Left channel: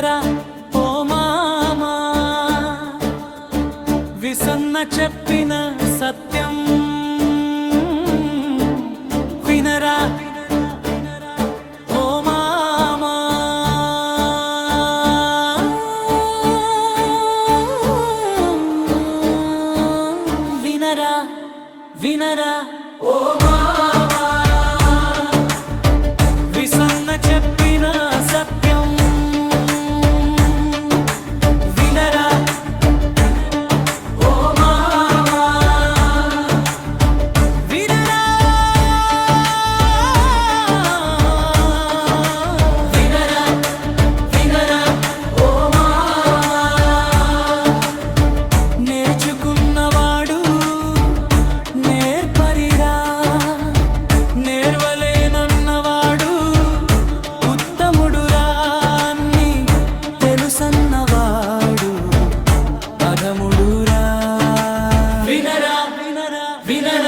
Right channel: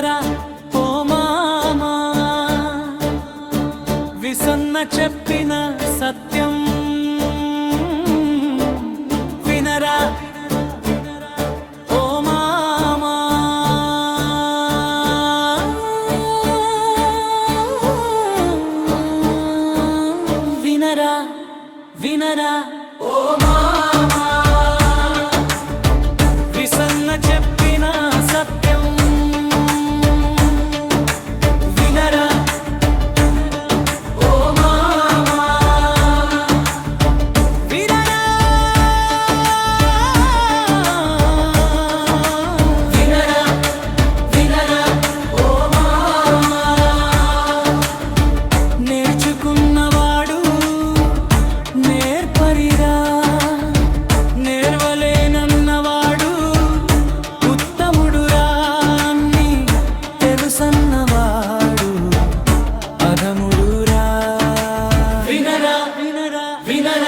చెప్పరా ఓ మామా విసన్న చెప్పిన సత్యం. వినరా వినరా వినరా ఓ మామా. విసన్న చెప్పిన సత్యం. ain't that I Vida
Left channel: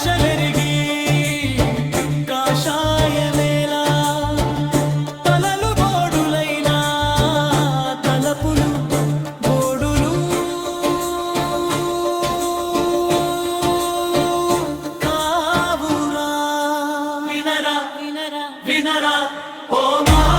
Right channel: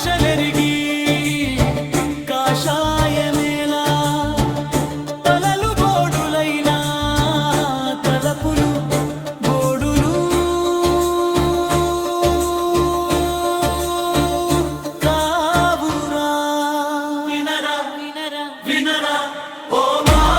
ఆశలెరిగి కాషాయమేలా తలలు బోడులైనా తలపులు బోడులు. కావురా. వినరా వినరా. వినరా. ఓ మా